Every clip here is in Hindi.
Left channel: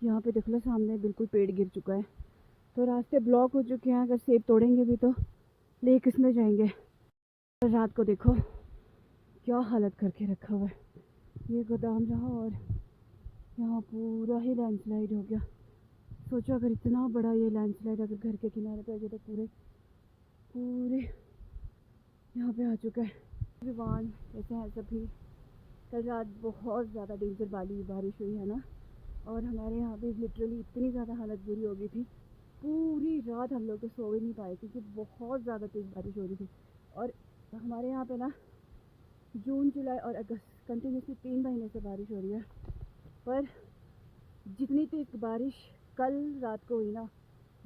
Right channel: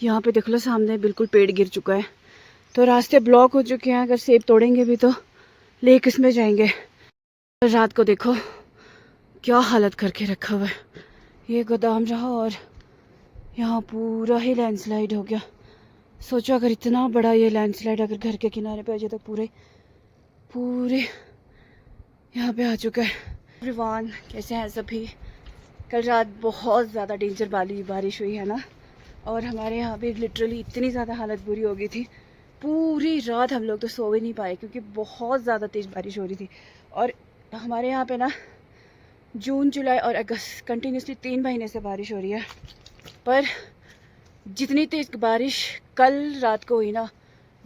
यहाँ पे देख लो सामने बिल्कुल पेड़ गिर चुका है, तो रास्ते ब्लॉक हो चुके हैं। अगर सेब तोड़ेंगे भी तो ले किस में जाएंगे। रात को देखो क्या हालत करके रखा हुआ है। ये गोदाम रहा और यहाँ पूरा ही लैंडस्लाइड हो गया। सोचो अगर इतना बड़ा ये लैंडस्लाइड अगर घर के किनारे पे आ जाए तो पूरे पूरे यहाँ पे आ चुका है। एवरीवन, कैसे हैं सभी? कल रात बहुत ज़्यादा डेंजर वाली बारिश हुई है ना, और हमारे यहाँ पे लिटरली इतनी ज़्यादा हालत बुरी हो गई थी। पूरी रात हम लोग तो सो भी नहीं पाए क्योंकि बहुत ज़्यादा तेज़ बारिश हो रही थी। और हमारे यहाँ पे ना जून, जुलाई और अगस्त कंटिन्यूसली 3 महीने से बारिश हो रही है। पर जितनी तेज़ बारिश कल रात को हुई ना,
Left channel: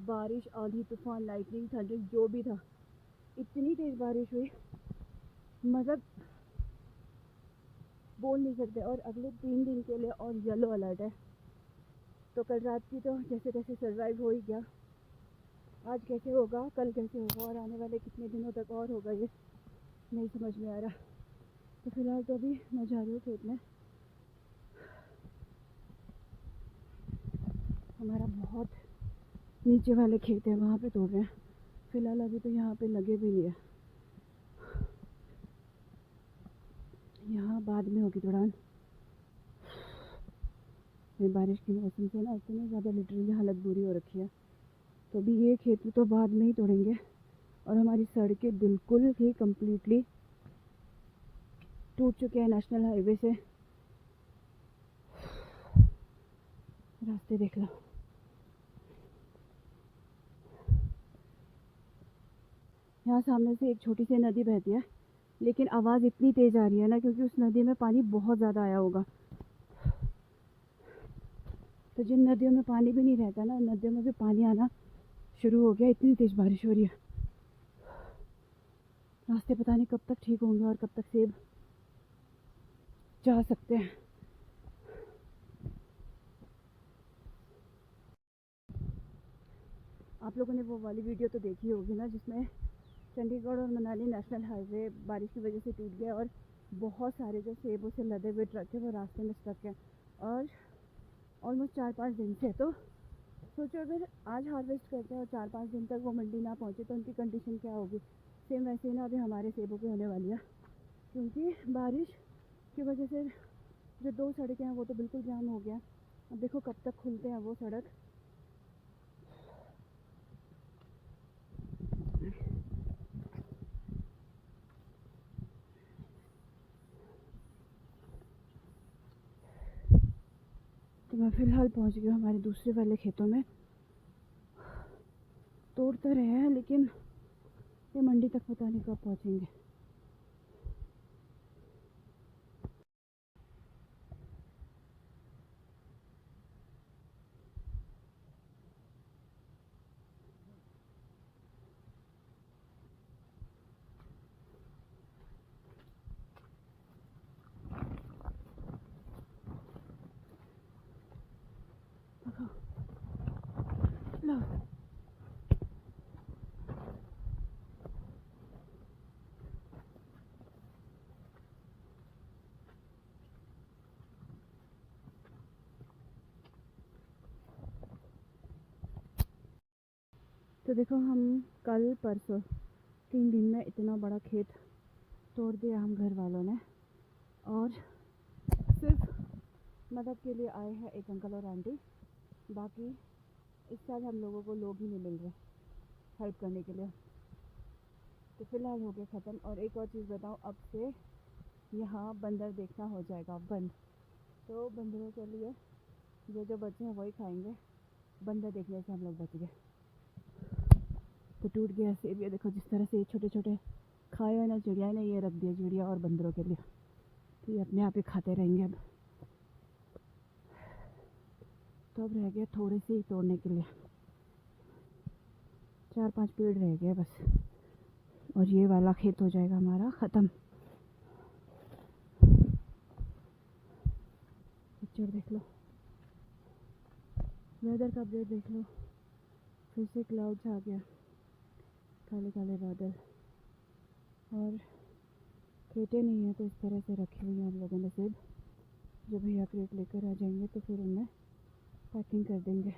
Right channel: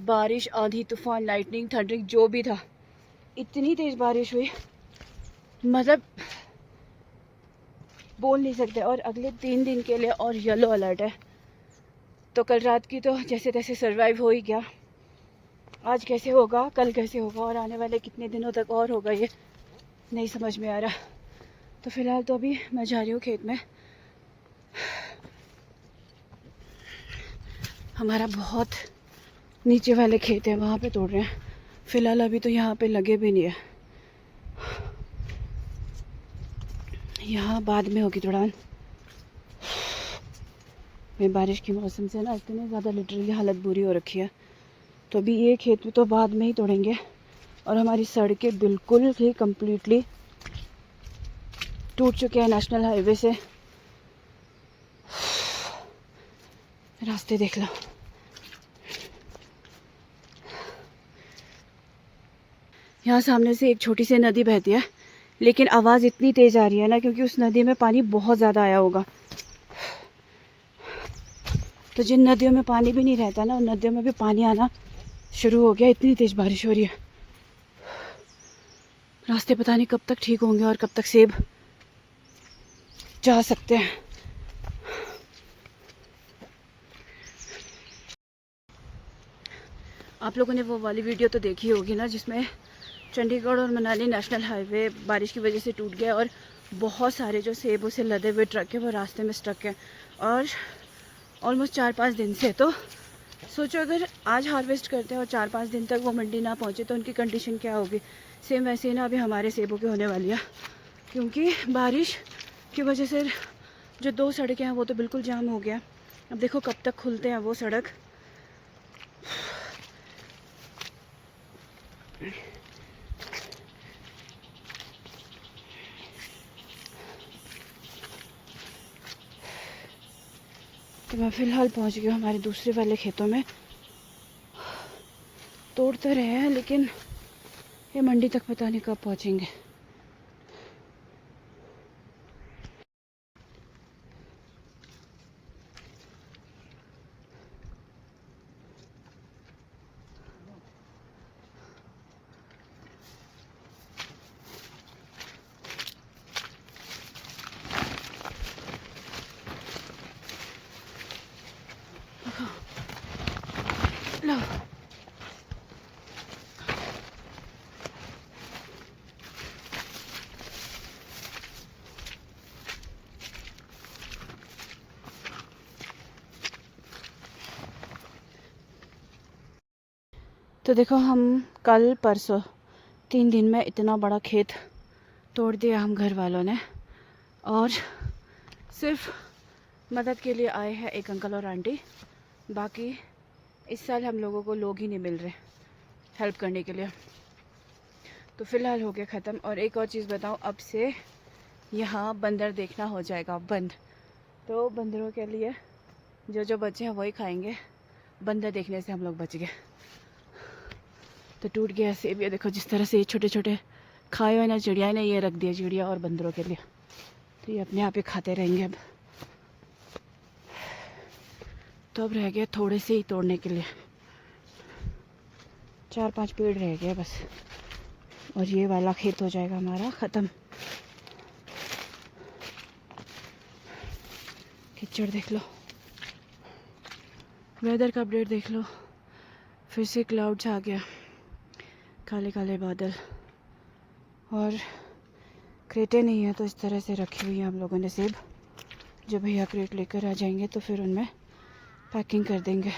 बारिश, आंधी, तूफान, लाइटनिंग, थंडरिंग जो भी था, इतनी तेज़ बारिश हुई मतलब बोल नहीं सकते। और अगले 3 दिन के लिए और येलो अलर्ट है। तो कल रात की तो जैसे तैसे सर्वाइव हो ही गया। आज कैसे होगा, कल कैसे होगा और आने वाले कितने दिनों तक और होगा ये नहीं समझ में आ रहा। तो फ़िलहाल तो अभी मैं जा रही हूँ खेत में। हमारा बहुत नीचे वाले खेत हैं, वहाँ पे तोड़ रहे हैं। फ़िलहाल अभी तो यहाँ पे लगे भी नहीं है। यहाँ बाद में होगी तुड़ान। मैं बारिश के मौसम से ना इतनी ज़्यादा लिटरली हालत बुरी हो रखी है। तो अभी ये खेत में तो बाद में ही तोड़ेंगे। और हमारी सड़कें बिल्कुल ही कम्प्लीटली टूट चुके हैं नेशनल हाईवे से। रास्ते देख लो। यहाँ सामने से एक छोटी सी नदी बहती है, लेकिन आवाज़ इतनी तेज़ आ रही है ना क्योंकि उस नदी में पानी बहुत ज़्यादा आया होगा। तो जिन नदियों में पानी भी नहीं रहता ना, उन नदियों में भी पानी आना शुरू हो गया। इतनी तेज़ बारिश हो रही है। रास्ते पता नहीं कब तक ठीक होंगे और कब तक सेब जा सकते हैं। आप लोगों ने वो वाली वीडियो तो देखी होगी ना, जिसमें चंडीगढ़ और मनाली नेशनल हाईवे बारिश की वजह से टूट गया और बहुत सारे जो सेब से लदे हुए ट्रक है वो रास्ते में स्टक है। और ऑलमोस्ट 4-5 दिन से। तो सोचो अगर आज हार्वेस्ट करते हैं और 4-5 दिन तक वो मंडी ना पहुँचे तो उनकी कंडीशन क्या होगी। सेम वैसे ही ना अभी हमारे सेबों की होने वाली है, क्योंकि बारिश की वजह से जो 2 सड़कें हैं वो तो बिल्कुल जाम हो गया। अब देखो कब तक खुलते हैं वो सड़क। तो मैं फ़िलहाल पहुंच गई हूँ हमारे दूसरे वाले खेतों में। तोड़ तो रहे हैं लेकिन ये मंडी तक पता नहीं कब पहुंचेंगे। लो, तो देखो हम कल परसों 3 दिन में इतना बड़ा खेत तोड़ दिया हम घर वालों ने। और सिर्फ मदद के लिए आए हैं एक अंकल और आंटी। बाकी इस साल हम लोगों को लोग ही नहीं मिल रहे हेल्प करने के लिए। तो फ़िलहाल हो गया ख़त्म। और एक और चीज़ बताऊँ, अब से यहाँ बंदर देखना हो जाएगा बंद। तो बंदरों के लिए जो जो बच्चे हैं वही खाएंगे। बंदर देखने से हम लोग बच गए। तो टूट गया सेब। ये देखो जिस तरह से ये छोटे छोटे खाए हुए ना चिड़िया ने ये रख दिया चिड़िया और बंदरों के लिए। तो ये अपने आप ही खाते रहेंगे अब। तो अब रह गया थोड़े से ही तोड़ने के लिए, 4-5 पेड़ रह गए बस और ये वाला खेत हो जाएगा हमारा ख़त्म। कीचड़ देख लो, वेदर का अपडेट देख लो, फिर से क्लाउड्स आ गया, काले काले बादल। और क्रेटें नहीं है तो इस तरह से रखी हुई है हम लोगों ने सेब। जब भैया क्रेट लेकर आ जाएंगे तो फिर उनमें पैकिंग कर देंगे।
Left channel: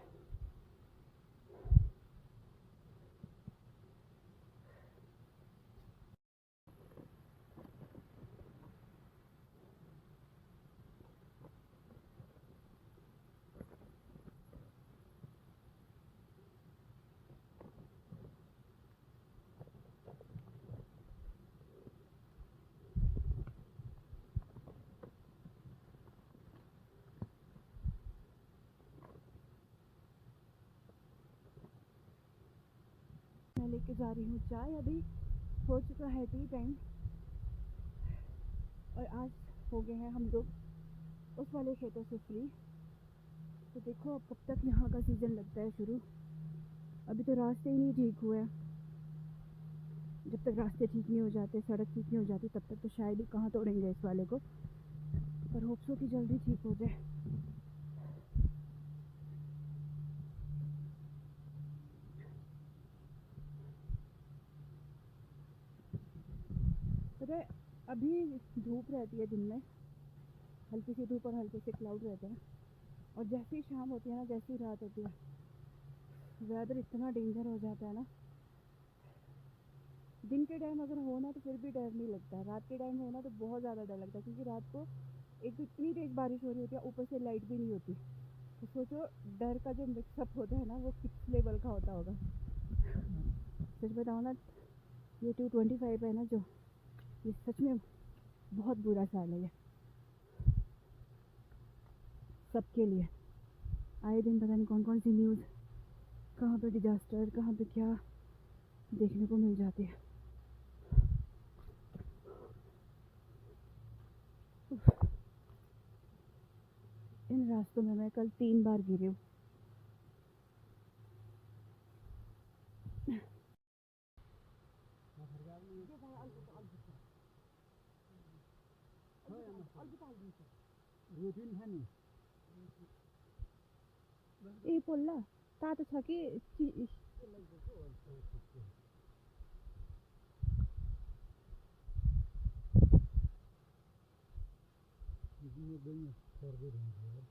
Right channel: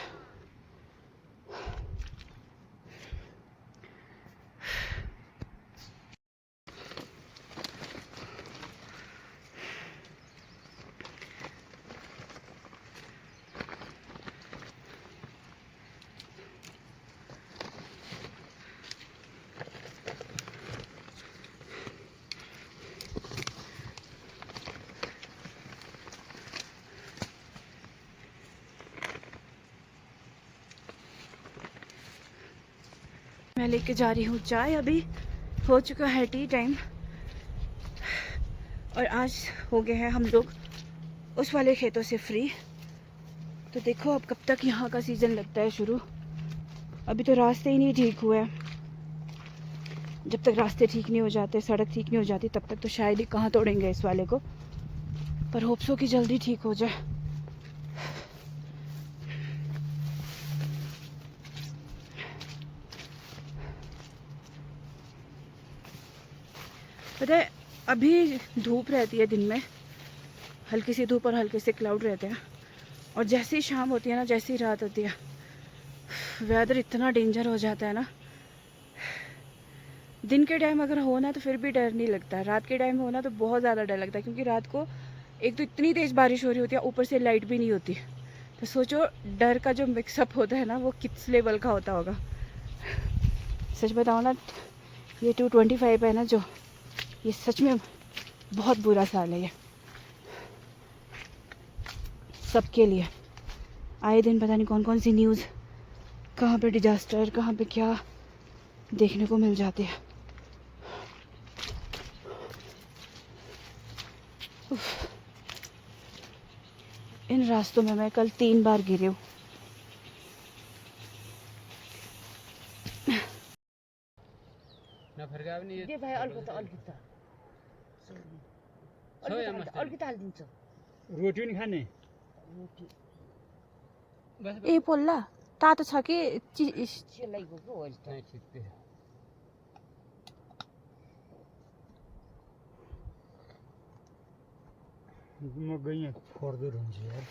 मैं लेके जा रही हूँ चाय। अभी हो चुका है टी टाइम और आज हो गए हैं हम लोग उस वाले खेतों से फ्री। तो देखो अब कब तक यहाँ का सीज़न लगता है शुरू। अभी तो रास्ते ही नहीं ठीक हुए। जब तक रास्ते ठीक नहीं हो जाते, सड़क ठीक नहीं हो जाती, तब तक तो शायद ही कहाँ तोड़ेंगे इस वाले को। पर होप्सो कि जल्दी ठीक हो जाए। पता है अभी धूप रहती है दिन में, हल्की सी धूप और हल्के से क्लाउड रहते हैं, और जैसे ही शाम होती है ना, जैसे ही रात होती है, वेदर इतना डेंजर हो जाता है ना। दिन के टाइम अगर हो ना तो फिर भी डर नहीं लगता, रात के टाइम हो ना तो बहुत ज़्यादा डर लगता है, क्योंकि रात को एक तो इतनी तेज़ बारिश हो रही होती है, ऊपर से लाइट भी नहीं होती। तो सोचो डर का जो मिक्सअप होता है ना, वो किस लेवल का होता होगा। सच बताओ ना, ये 225 है ना जो, ये सच में बहुत बुरा साल है ये सबके लिए। आए दिन पता नहीं कौन कौन सी न्यूज़, कहाँ पे डिजास्टर, कहाँ पे क्या देखने को मिल जाते हैं। इन रास्तों में मैं कल 3 बार गिरी हूँ। रोटी नहीं खाने ए पोल्ला तातो छ कि म गएँ फोर्दो हुन्छ यार।